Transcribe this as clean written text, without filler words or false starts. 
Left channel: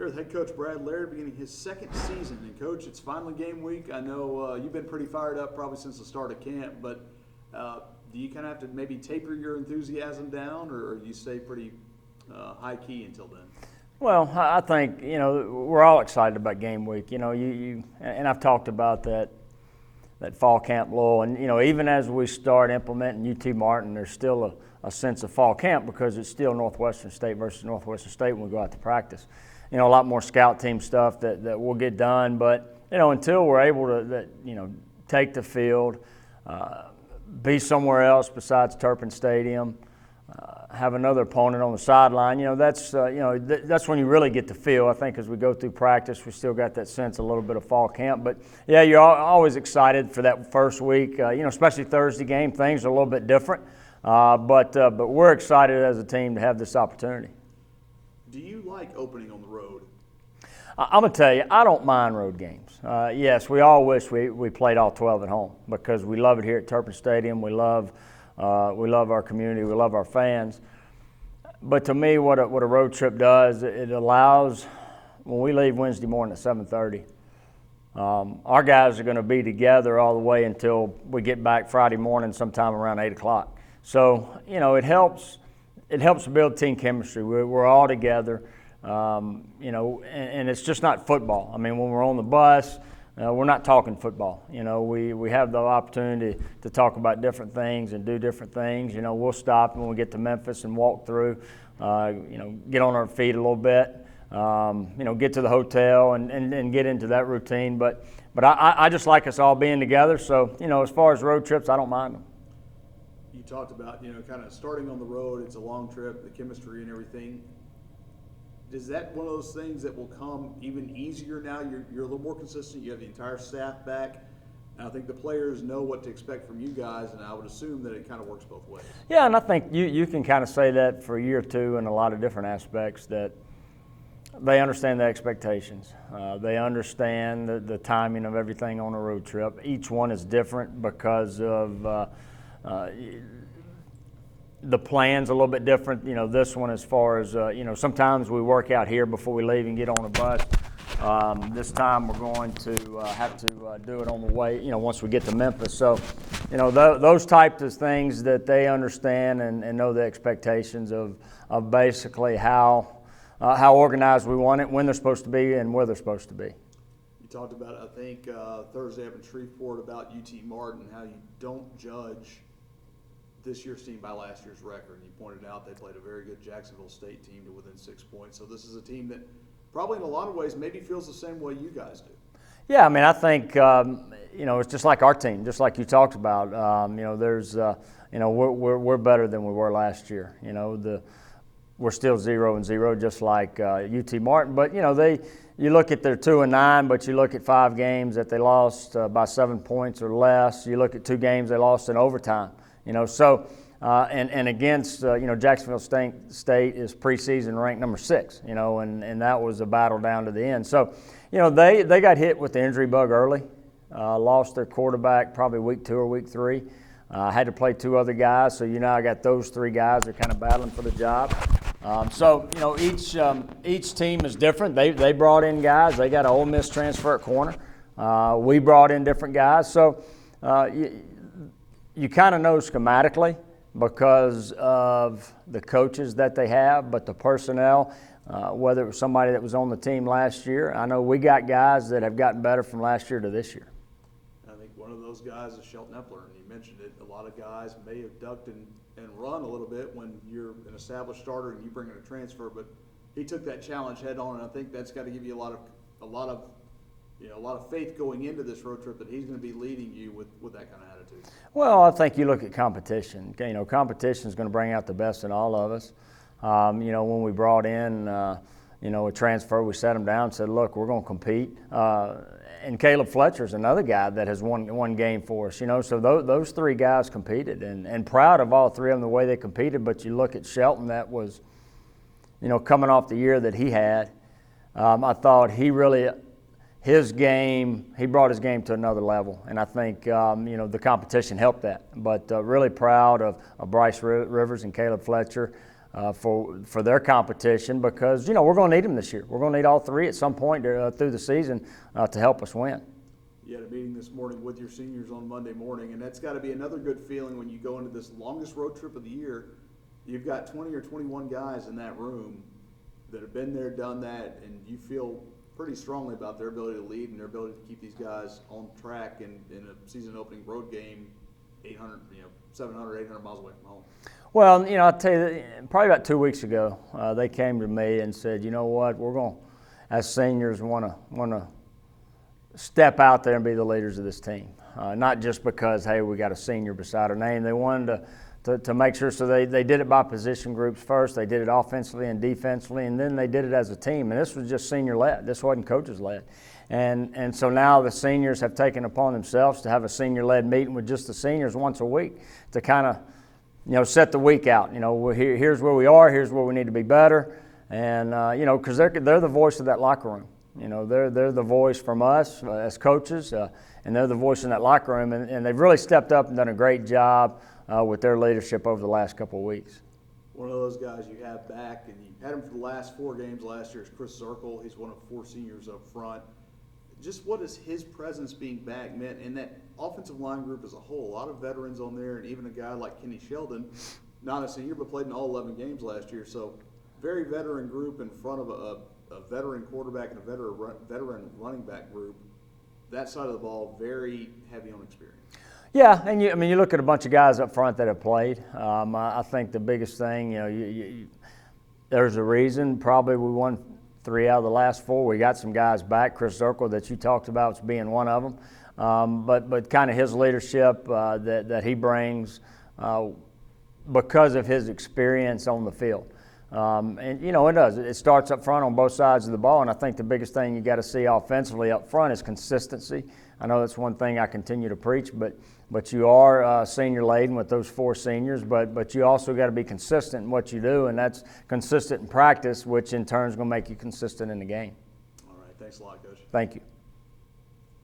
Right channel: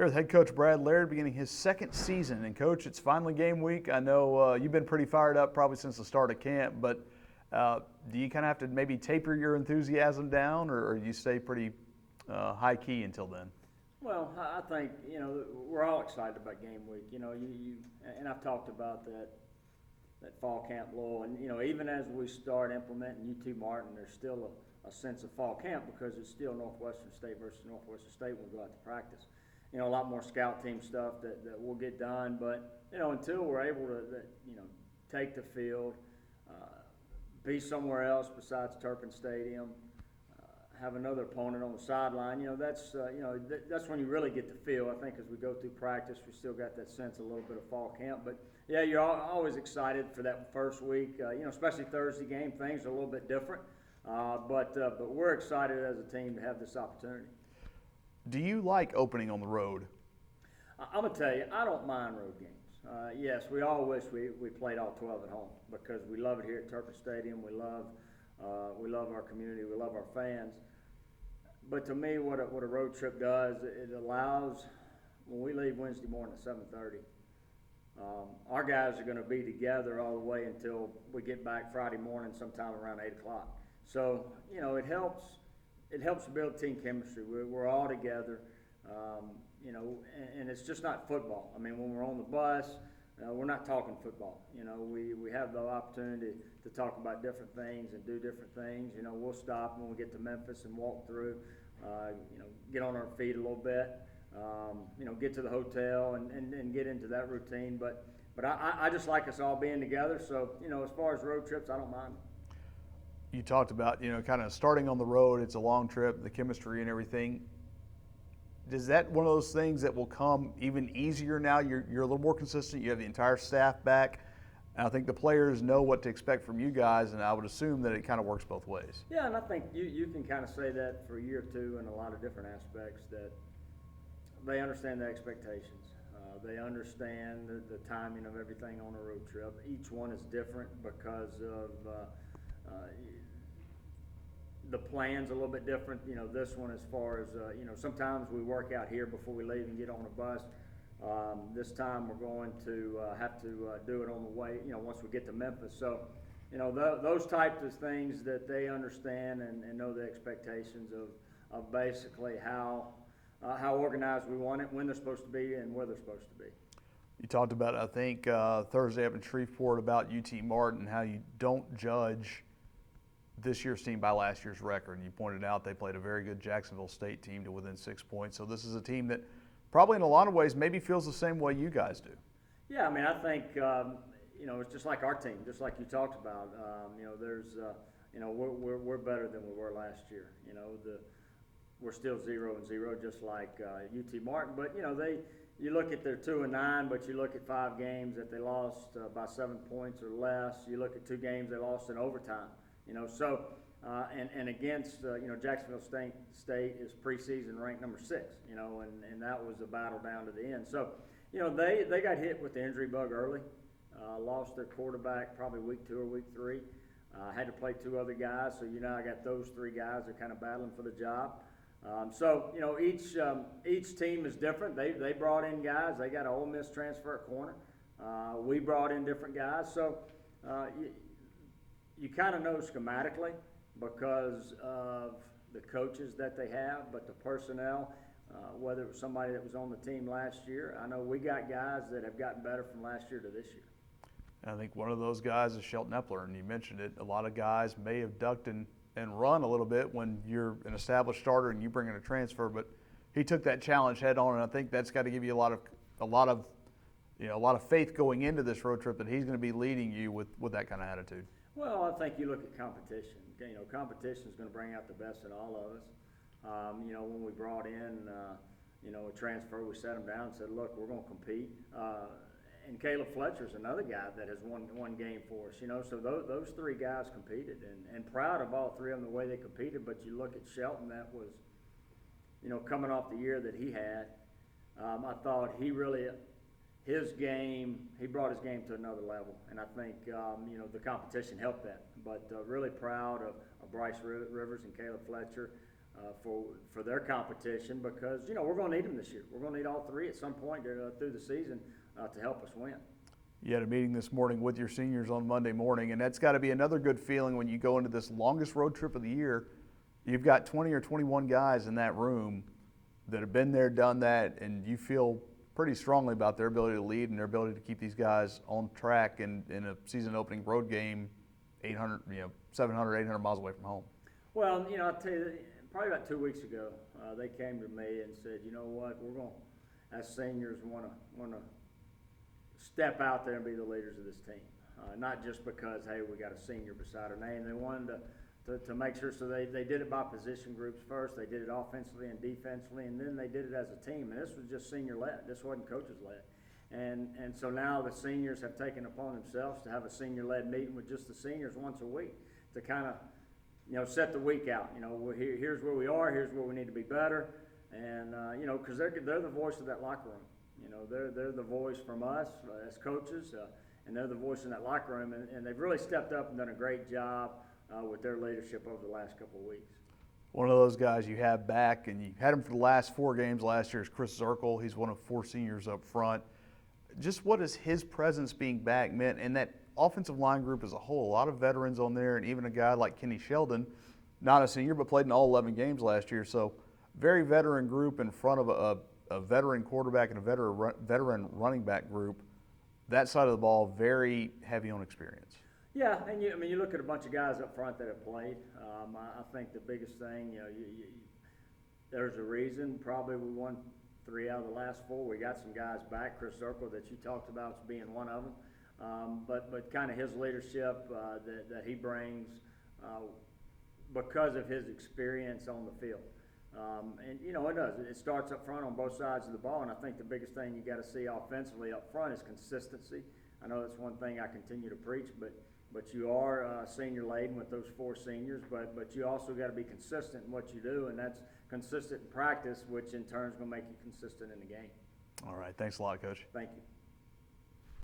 Here with head coach Brad Laird beginning his second season. And coach, it's finally game week. I know you've been pretty fired up probably since the start of camp, but do you kind of have to maybe taper your enthusiasm down, or you stay pretty high key until then? Well, I think, we're all excited about game week. And I've talked about that fall camp lull. And, even as we start implementing UT Martin, there's still a sense of fall camp because it's still Northwestern State versus Northwestern State when we go out to practice. A lot more scout team stuff that will get done. But, until we're able to, take the field, be somewhere else besides Turpin Stadium, have another opponent on the sideline, that's when you really get the feel. I think as we go through practice, we still got that sense a little bit of fall camp. But, yeah, you're always excited for that first week, especially Thursday game. Things are a little bit different. But we're excited as a team to have this opportunity. Do you like opening on the road? I'm going to tell you, I don't mind road games. Yes, we all wish we played all 12 at home because we love it here at Turpin Stadium. We love our community. We love our fans. But to me, what a road trip does, it allows, when we leave Wednesday morning at 7:30, our guys are going to be together all the way until we get back Friday morning sometime around 8 o'clock. So, it helps build team chemistry. We're all together, and it's just not football. I mean, when we're on the bus, we're not talking football. We have the opportunity to talk about different things and do different things. We'll stop when we get to Memphis and walk through, get on our feet a little bit, get to the hotel and get into that routine. But I just like us all being together. So, as far as road trips, I don't mind them. You talked about, kind of starting on the road. It's a long trip, the chemistry and everything. Is that one of those things that will come even easier now? You're a little more consistent. You have the entire staff back. And I think the players know what to expect from you guys, and I would assume that it kind of works both ways. Yeah, and I think you can kind of say that for a year or two in a lot of different aspects, that they understand the expectations. They understand the timing of everything on a road trip. Each one is different because of the plan's a little bit different. This one as far as, sometimes we work out here before we leave and get on a bus. This time we're going to have to do it on the way, once we get to Memphis. So, those types of things that they understand and know the expectations of basically how organized we want it, when they're supposed to be, and where they're supposed to be. You talked about, I think, Thursday up in Shreveport about UT Martin, how you don't judge this year's team by last year's record. And you pointed out they played a very good Jacksonville State team to within 6 points. So this is a team that probably in a lot of ways maybe feels the same way you guys do. Yeah, I mean, I think, it's just like our team, just like you talked about. There's, we're better than we were last year. We're still 0-0, just like UT Martin. But, you look at their 2-9, but you look at 5 games that they lost by 7 points or less. You look at 2 games they lost in overtime. So and against Jacksonville State is preseason ranked number 6. And that was a battle down to the end. So they got hit with the injury bug early, lost their quarterback probably week 2 or week 3. Had to play 2 other guys, so I got those 3 guys that are kind of battling for the job. So each team is different. They brought in guys. They got an Ole Miss transfer at corner. We brought in different guys. So you kind of know schematically because of the coaches that they have, but the personnel, whether it was somebody that was on the team last year, I know we got guys that have gotten better from last year to this year. I think one of those guys is Shelton Epler, and you mentioned it. A lot of guys may have ducked and run a little bit when you're an established starter and you bring in a transfer, but he took that challenge head on, and I think that's got to give you a lot of faith going into this road trip that he's going to be leading you with that kind of attitude. Well, I think you look at competition. Competition is going to bring out the best in all of us. When we brought in, a transfer, we sat him down and said, look, we're going to compete. And Caleb Fletcher's another guy that has won game for us. So those 3 guys competed, and proud of all 3 of them the way they competed. But you look at Shelton, that was, coming off the year that he had. I thought he brought his game to another level, and I think the competition helped that. But really proud of Bryce Rivers and Caleb Fletcher. for their competition, because we're going to need them this year. We're going to need all three at some point through the season to help us win. You had a meeting this morning with your seniors on Monday morning, and that's got to be another good feeling when you go into this longest road trip of the year. You've got 20 or 21 guys in that room that have been there, done that, and you feel pretty strongly about their ability to lead and their ability to keep these guys on track in a season-opening road game, 700, 800 miles away from home. Well, I'll tell you, probably about 2 weeks ago, they came to me and said, you know what, we're going, as seniors, want to step out there and be the leaders of this team. Not just because, hey, we got a senior beside our name. They wanted to make sure, so they did it by position groups first. They did it offensively and defensively, and then they did it as a team. And this was just senior-led. This wasn't coaches-led. And so now the seniors have taken upon themselves to have a senior-led meeting with just the seniors once a week to kind of, set the week out. Here's where we are. Here's where we need to be better. And, because they're the voice of that locker room. They're the voice from us as coaches, and they're the voice in that locker room. And they've really stepped up and done a great job with their leadership over the last couple of weeks. One of those guys you have back, and you had him for the last 4 games last year, is Chris Zirkle. He's one of 4 seniors up front. Just what has his presence being back meant, and that offensive line group as a whole? A lot of veterans on there, and even a guy like Kenny Sheldon, not a senior, but played in all 11 games last year. So very veteran group in front of a veteran quarterback and a veteran running back group. That side of the ball, very heavy on experience. Yeah, and you look at a bunch of guys up front that have played. I think the biggest thing, there's a reason. Probably we won 3 out of the last 4. We got some guys back. Chris Zirkle, that you talked about, as being one of them. But kind of his leadership that he brings because of his experience on the field. And it does. It starts up front on both sides of the ball, and I think the biggest thing you got to see offensively up front is consistency. I know that's one thing I continue to preach, but you are senior laden with those 4 seniors, but you also got to be consistent in what you do, and that's consistent in practice, which in turn is going to make you consistent in the game. All right. Thanks a lot, Coach. Thank you.